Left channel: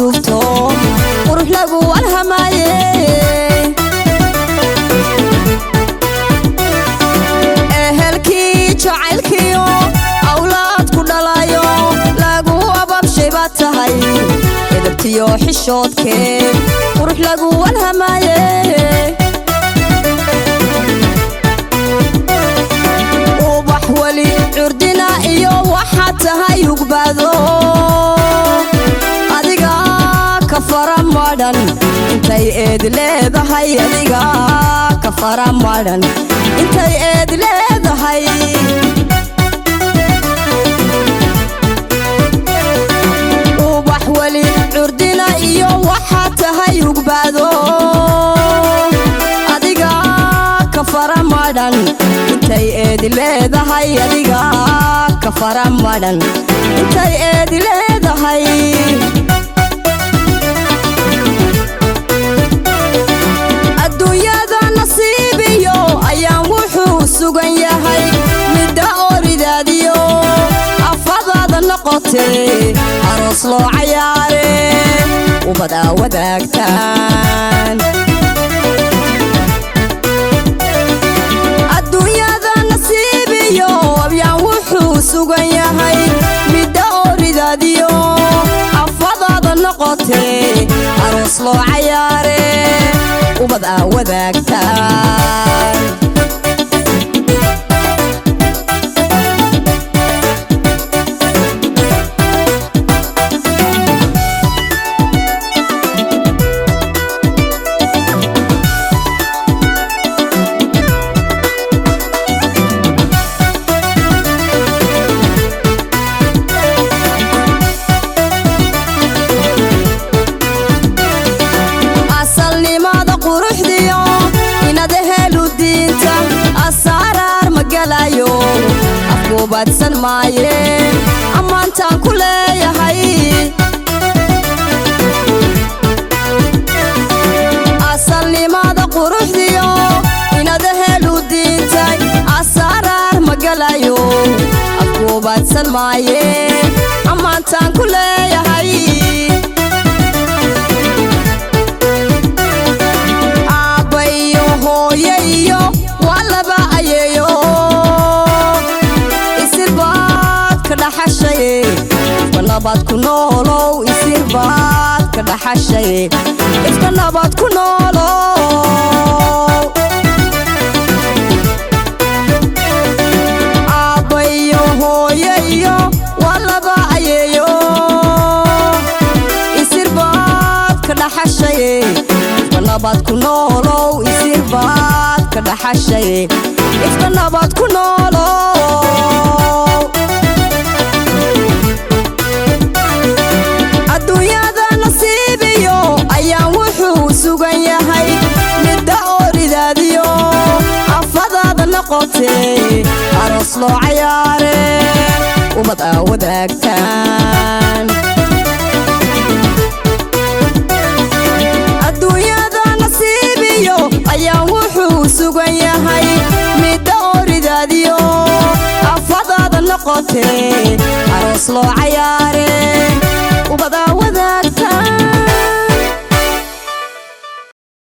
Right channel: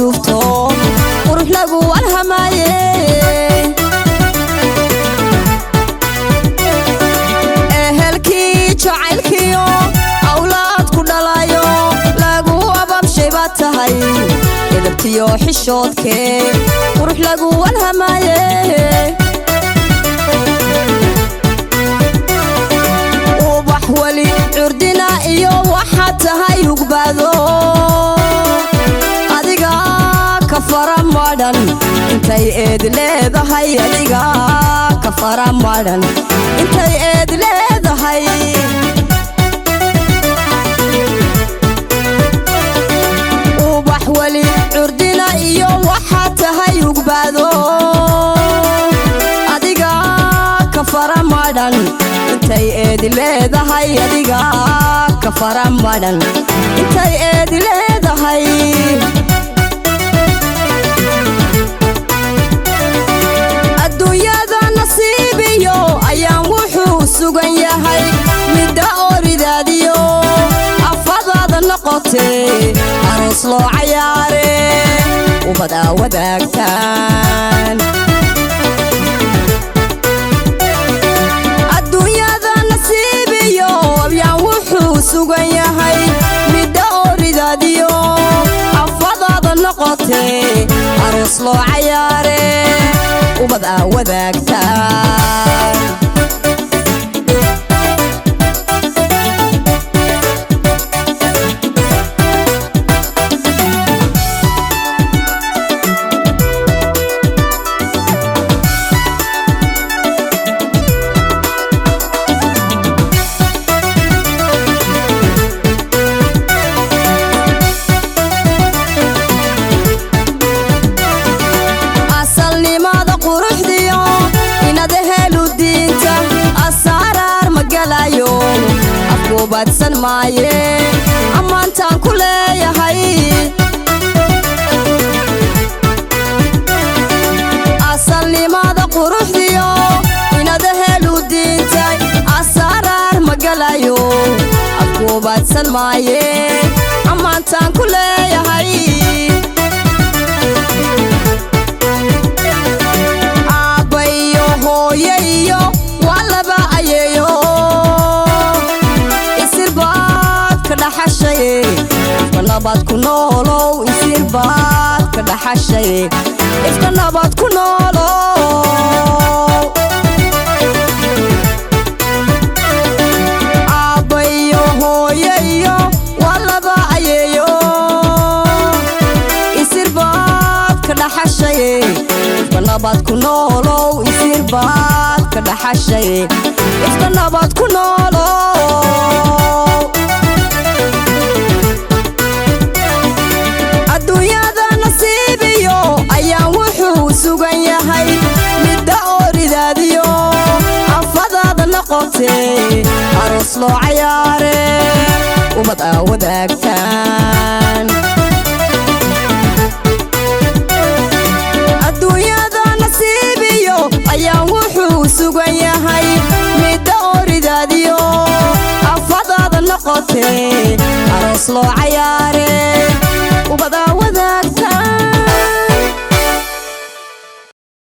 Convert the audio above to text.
أسلوبته وروح لقوا الهمايه أهلكي جعلكيو أولاد كدلايو لقوا أباب شيباتهاي إدبتيو حشودكي وروح لقوا الهمايه وبحولي عردنا إيو وحاتهاي يقبادو أديقا كفرا مادن انتي إيد ليدهاي أديقا كفرا مادن انتي إيد ليدهاي وبحولي عردنا إيو وحاتهاي يقبادو أديقا كفرا مادن انتي إيد ليدهاي أديقا كفرا مادن انتي إيد ليدهاي sugan yahay midda oridaadiyo afadaada noqotay aroos loo cayaare ubada wadaagtaan adduunyada nasiibiyo abyaan wuxuu sugan yahay midda oridaadiyo afadaada noqotay aroos loo cayaare ubada wadaagtaan badsan maaye ammaantaan ku leeyahay asalnimada quruxdiyo inada helu diintay asaraar magalayo afku badsan maaye ammaantaan ku leeyahay aabbayo hooyayo waa laba ayeeyo ifkanabad ku noolow isirbaad ka dhaxashay ifkanabad ku noolow aabbayo hooyayo waa laba ayeeyo isirbaad ka dhaxashay ifkanabad ku noolow isirbaad ka dhaxashay ifkanabad ku noolow aroos loo cayaare ubad aa wadaagtaan adduunyada nasiibiyo ayaa wuxuu sugan yahay midda oridaadiyo afadaada noqotay aroos loo